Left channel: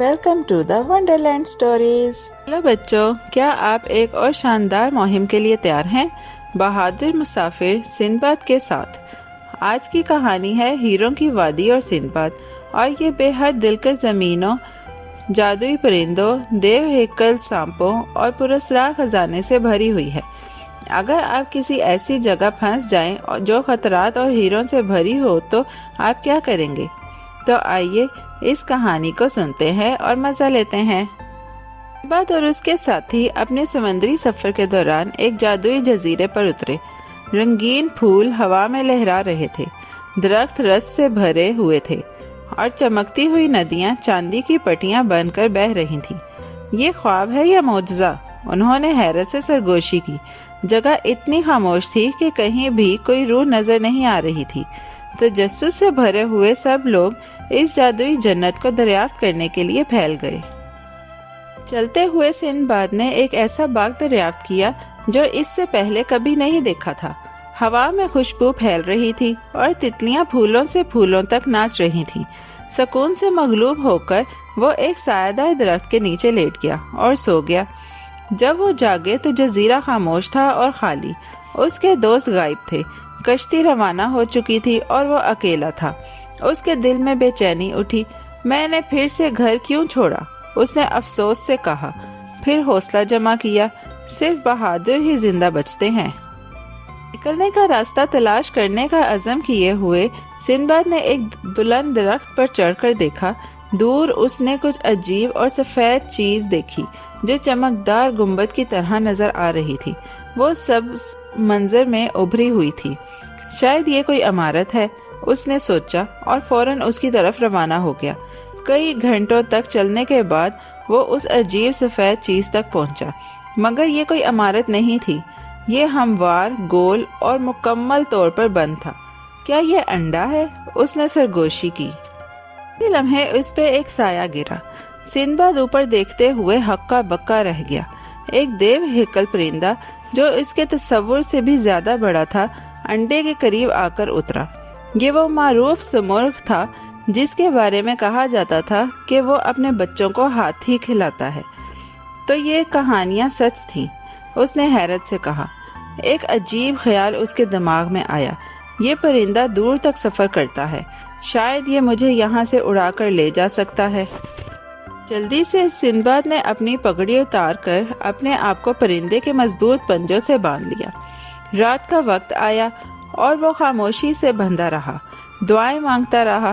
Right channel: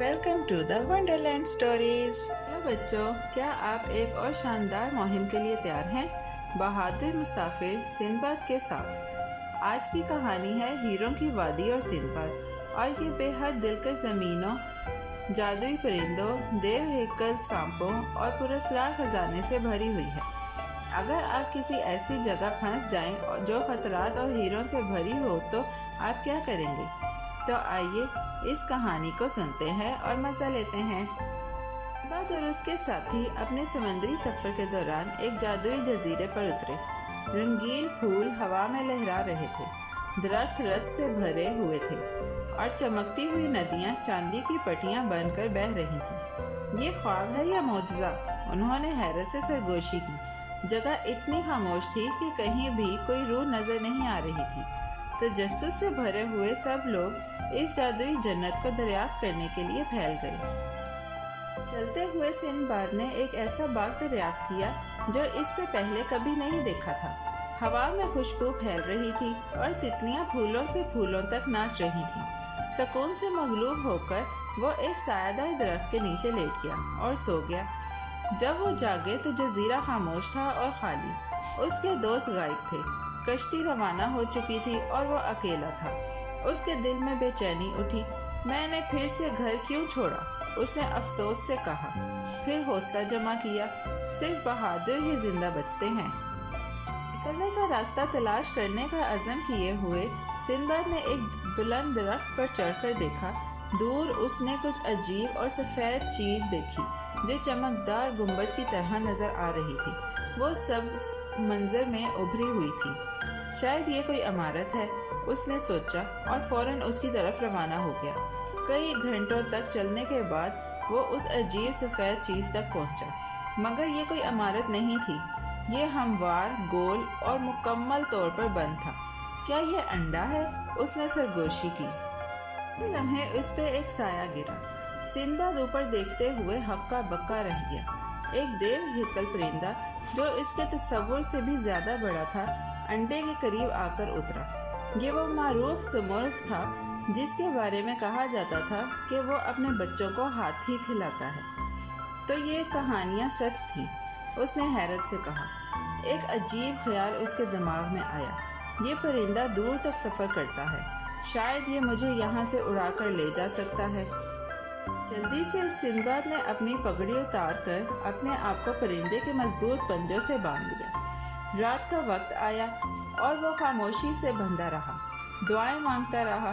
Welcome to the Wonderland Stories. Hello بچوں، کیا آپ ایک اور شاندار مہم کے لیے تیار ہیں؟ بہادر مسافر سندباد کے ساتھ۔ آج کی کہانی ہے ہیروں کی وادی اور سندباد، اور یہ بے حد دلکش زمینوں، جادوئی پرندوں، دیو ہیکل سانپوں اور پراسرار خزانے سے بھری ہوئی ہے۔ اگر آپ کسی ایسی جگہ پھنس جائیں جو خطرات اور ہیروں سے بھری ہو تو آپ کیا کریں گے؟ تو آئیے اس کہانی کو سنتے ہیں اور مزہ لیتے ہیں۔ سندباد اور اس کے ساتھی اپنے سمندری سفر کے دوران ایک جادوئی جزیرے پر اترے۔ رنگین پھول ہوا میں لہرا رہے تھے، درخت رس سے بھرے ہوئے تھے اور چمکتی ہوئی ندیاں چاندی کی پٹیاں بن کر بہہ رہی تھیں۔ یہ خواب ہے یا معجزہ؟ انہوں نے حیرت سے سرگوشی کی۔ جگہ اتنی خاموش تھی کہ کہیں بھی کوئی روح نظر نہیں آ رہی تھی۔ تجسس سے بھرے ہوئے سب لوگ اس جادوئی جنت کو دریافت کرنے کے لیے پھیل گئے۔ چلتے ہوئے سندباد نے ایک ایسا باغ دریافت کیا جو اس سے پہلے کبھی نہیں دیکھا تھا۔ ہوا میں خوشبو پھیل رہی تھی اور تتلیاں پھولوں سے پھولوں تک ناچ رہی تھیں۔ سکون سے مغلوب ہو کر وہ ایک سایہ دار درخت کے نیچے لیٹ گیا اور سو گیا۔ جب وہ جاگے تو جزیرہ خاموش تھا اور خالی۔ اس کے دوست غائب تھے، کشتی روانہ ہو چکی تھی اور وہ اکیلا تھا۔ اس کے دل میں بے چینی اٹھی۔ میں نے پھر سے گھر کیوں چھوڑا؟ اس نے افسوس سے کہا۔ پھر حوصلہ جمع کیا، صرف بہادر ہی زندہ بچتے ہیں۔ نکلنے کا راستہ تلاش کرنے کا عزم کیے ہوئے سندباد نے ایک بلند درخت پر چڑھ کر دیکھا۔ دور اس نے کچھ عجیب اور سفید چیز دیکھی جو چمکدار گنبد کی طرح نظر آ رہی تھی۔ وہ سبز منظر میں ابھری ہوئی تھی۔ شاید یہ کوئی عمارت ہے، اس نے سوچا اور فوراً اس کی طرف روانہ ہو گیا۔ کئی گھنٹوں تک چلنے کے بعد وہ اس عجیب سفید چیز تک پہنچا، مگر یہ کوئی عمارت نہیں تھی۔ یہ ہموار، گول اور مکمل طور پر بند تھا۔ کیا یہ انڈا ہے؟ اس نے سرگوشی کی۔ اسی لمحے اس پہ ایک سایہ گرا۔ سندباد اوپر دیکھتے ہوئے ہکا بکا رہ گیا۔ ایک دیو ہیکل پرندہ جو اس کے تصور سے بھی زیادہ بڑا تھا انڈے کے قریب آ کر اترا۔ یہ وہ معروف سمرغ تھا جس کے بارے میں کہا جاتا تھا کہ وہ اپنے بچوں کو ہاتھی کھلاتا ہے۔ تو یہ کہانیاں سچ تھیں؟ اس نے حیرت سے کہا۔ ایک عجیب خیال اس کے دماغ میں آیا۔ یہ پرندہ دور تک سفر کرتا ہے، شاید یہ مجھے یہاں سے اڑا کر لے جا سکتا ہے۔ جلدی سے سندباد نے اپنی پگڑی اتار کر اپنے آپ کو پرندے کے مضبوط پنجوں سے باندھ لیا۔ رات کا وقت آیا اور وہ خاموشی سے بندھا رہا، دعائیں مانگتا رہا۔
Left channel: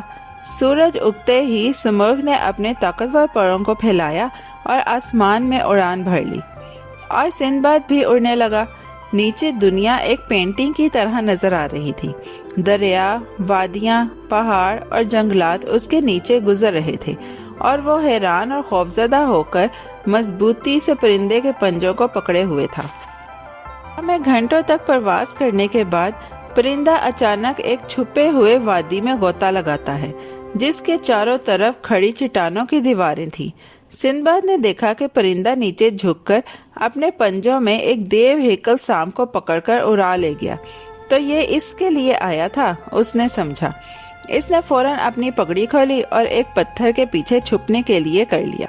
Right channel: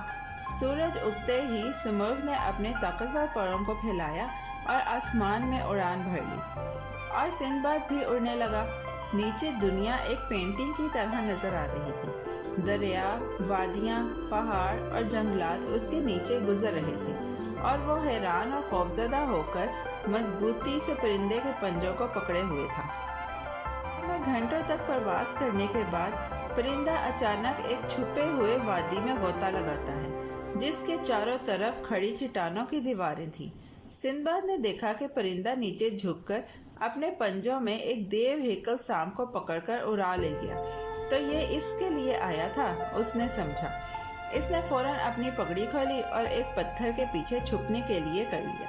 سورج اگتے ہی سمرغ نے اپنے طاقتور پروں کو پھیلایا اور آسمان میں اڑان بھر لی، اور سندباد بھی اڑنے لگا۔ نیچے دنیا ایک پینٹنگ کی طرح نظر آ رہی تھی۔ دریا، وادیاں، پہاڑ اور جنگلات اس کے نیچے گزر رہے تھے، اور وہ حیران اور خوفزدہ ہو کر مضبوطی سے پرندے کے پنجوں کو پکڑے ہوئے تھا۔ ہمیں گھنٹوں تک پرواز کرنے کے بعد پرندہ اچانک ایک چھپے ہوئے وادی میں غوطہ لگاتا ہے جس کے چاروں طرف کھڑی چٹانوں کی دیواریں تھیں۔ سندباد نے دیکھا کہ پرندہ نیچے جھک کر اپنے پنجوں میں ایک دیو ہیکل سانپ کو پکڑ کر اڑا لے گیا۔ تو یہ اس کے لیے آیا تھا، اس نے سمجھا۔ اس نے فوراً اپنی پگڑی کھولی اور ایک پتھر کے پیچھے چھپنے کے لیے کر لیا۔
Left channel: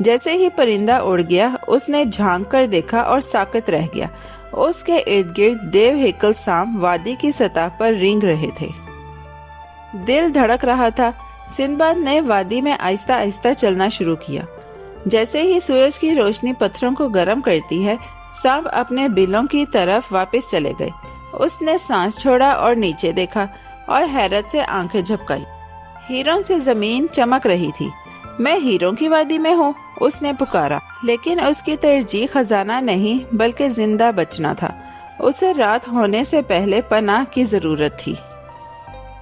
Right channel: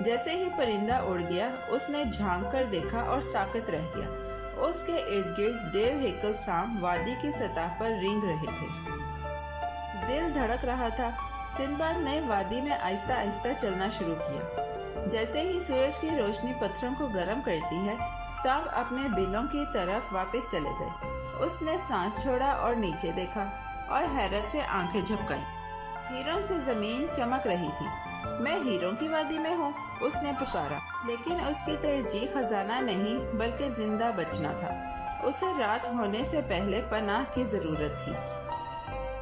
جیسے ہی پرندہ اڑ گیا، اس نے جھانک کر دیکھا اور ساکت رہ گیا۔ اس کے ارد گرد دیو ہیکل سانپ وادی کی سطح پر رینگ رہے تھے۔ دل دھڑک رہا تھا۔ سندباد نے وادی میں آہستہ آہستہ چلنا شروع کیا۔ جیسے ہی سورج کی روشنی پتھروں کو گرم کرتی ہے، سانپ اپنے بلوں کی طرف واپس چلے گئے۔ اس نے سانس چھوڑا اور نیچے دیکھا اور حیرت سے آنکھیں جھپکائیں۔ ہیروں سے زمین چمک رہی تھی۔ میں ہیروں کی وادی میں ہوں، اس نے پکارا، لیکن اس کی ترجیح خزانہ نہیں بلکہ زندہ بچنا تھا۔ اسے رات ہونے سے پہلے پناہ کی ضرورت تھی۔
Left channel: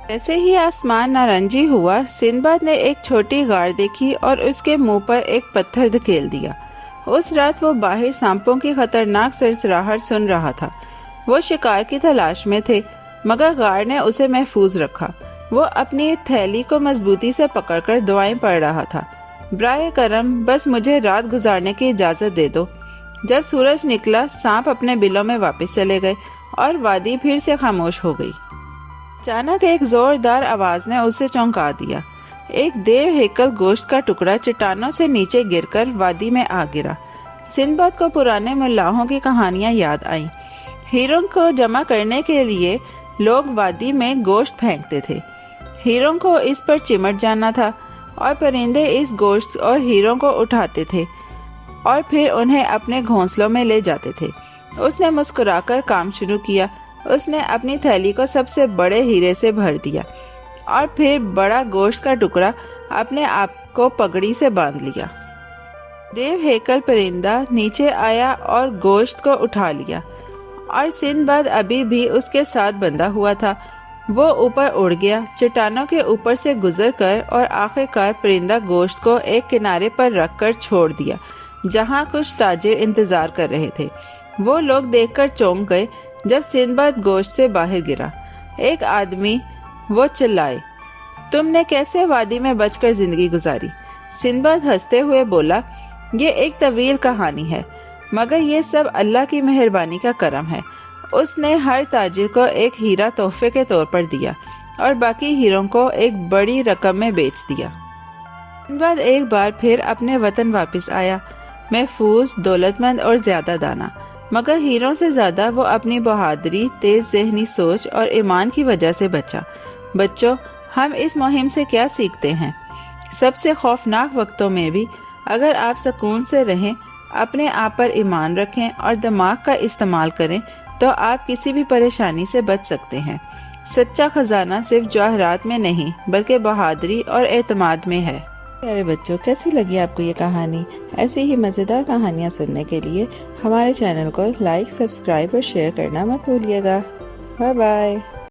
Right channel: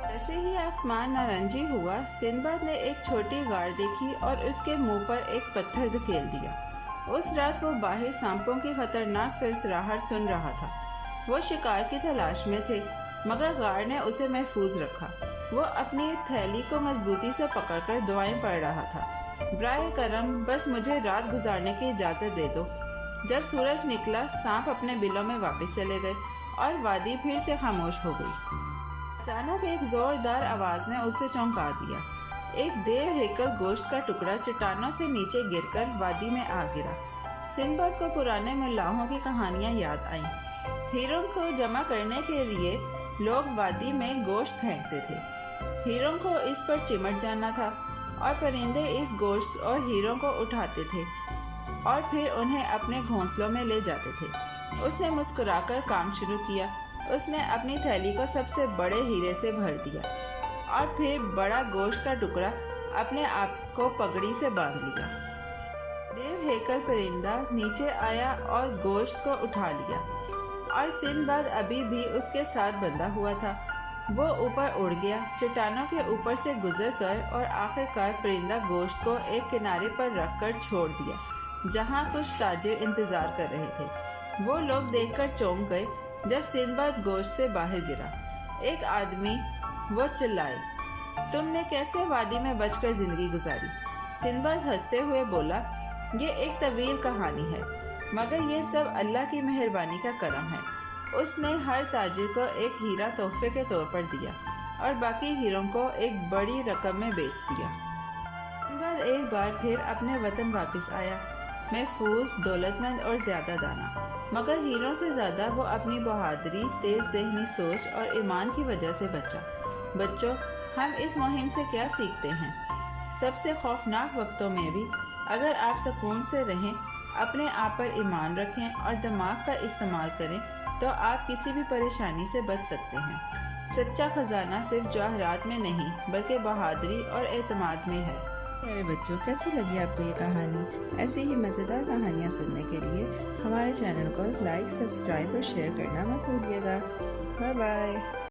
جیسے ہی آسمان نارنجی ہوا، سندباد نے ایک چھوٹی غار دیکھی اور اس کے منہ پر ایک پتھر دھکیل دیا۔ اس رات وہ باہر سانپوں کی خطرناک سرسراہٹ سن رہا تھا۔ وہ شکار کی تلاش میں تھے، مگر غار نے اسے محفوظ رکھا۔ وہ اپنی تھیلی کو مضبوطی سے پکڑ کر دعائیں پڑھ رہا تھا۔ براہ کرم بس مجھے رات گزارنے کی اجازت دے دو۔ جب سورج نکلا، سانپ اپنے بلوں میں واپس چلے گئے اور وادی پھر سے خاموش ہو گئی۔ اچانک ایک زوردار آواز نے اسے چونکا دیا۔ ایک دیو ہیکل گوشت کا ٹکڑا چٹانوں سے نیچے گر کر وادی میں آ گرا۔ سندباد کو پرانے ملاحوں کی کہانیاں یاد آئیں۔ ہیروں کو جمع کرنے کے لیے لوگ وادی میں گوشت پھینکتے تھے۔ ہیروں کو اس پر چمٹ جانا تھا اور پرندے اس گوشت اور ہیروں کو اٹھاتے تھے اور پھر انہیں اپنے گھونسلوں میں لے جاتے تھے۔ اس نے مسکرا کر کام شروع کیا۔ اس نے اپنی تھیلی کو سب سے بڑے ہیرے سے بھر دیا اور پھر بڑا گوشت کا ٹکڑا اپنے آپ کو پگڑی سے باندھ لیا۔ دیو ہیکل پرندہ نیچے آیا اور گوشت کو اٹھا لیا، اور سندباد ابھی بھی اس کے ساتھ بندھا ہوا تھا۔ وہ اوپر اڑ گیا، چٹانوں کے اوپر سے گزر کر، اور آخر کار پرندہ گوشت کو ایک کنارے پر رکھ کر چھوڑ دیا جہاں کچھ تاجر انتظار کر رہے تھے۔ وہ لوگ دیکھ کر چونک گئے جب سندباد گوشت سے باہر گرا۔ ایک آدمی، وہ چلائے، تم نے کیسے وادی میں بچ کر زندگی گزاری؟ سندباد ہنستے ہوئے بولا، یہ ایک طویل کہانی ہے، مگر یہ سب اللہ کی مہربانی کا کرم ہے۔ اس نے ہر تاجر کو ایک ہیرا تحفے کے طور پر دیا اور باقی ہیروں کو ایک بڑی رقم میں بیچ دیا۔ سندباد ایک بار پھر اپنے وطن واپس آیا، محفوظ، دولت مند اور زیادہ دانا، مگر ہیروں سے زیادہ وہ اپنی بہادری، تیز ذہنی سوچ اور ایمان کی وجہ سے بچا۔ بچوں، ہم اس مہم سے کیا سیکھتے ہیں؟ سب سے خوفناک وقتوں میں بھی اگر آپ سکون سے رہیں، اپنے آپ پر ایمان رکھیں اور دماغ کا استعمال کریں تو آپ کسی بھی پریشانی سے بچ سکتے ہیں۔ سچا خزانہ صرف جواہرات میں نہیں بلکہ بہادری اور اعتماد میں ہے۔ پیارے بچوں، کیسی لگی آپ کو یہ کہانی؟ ایسی ہی مزیدار کہانیاں سننے کے لیے ہمارے چینل کو لائک، سبسکرائب اور شیئر کرنا مت بھولیے گا۔ Bye bye.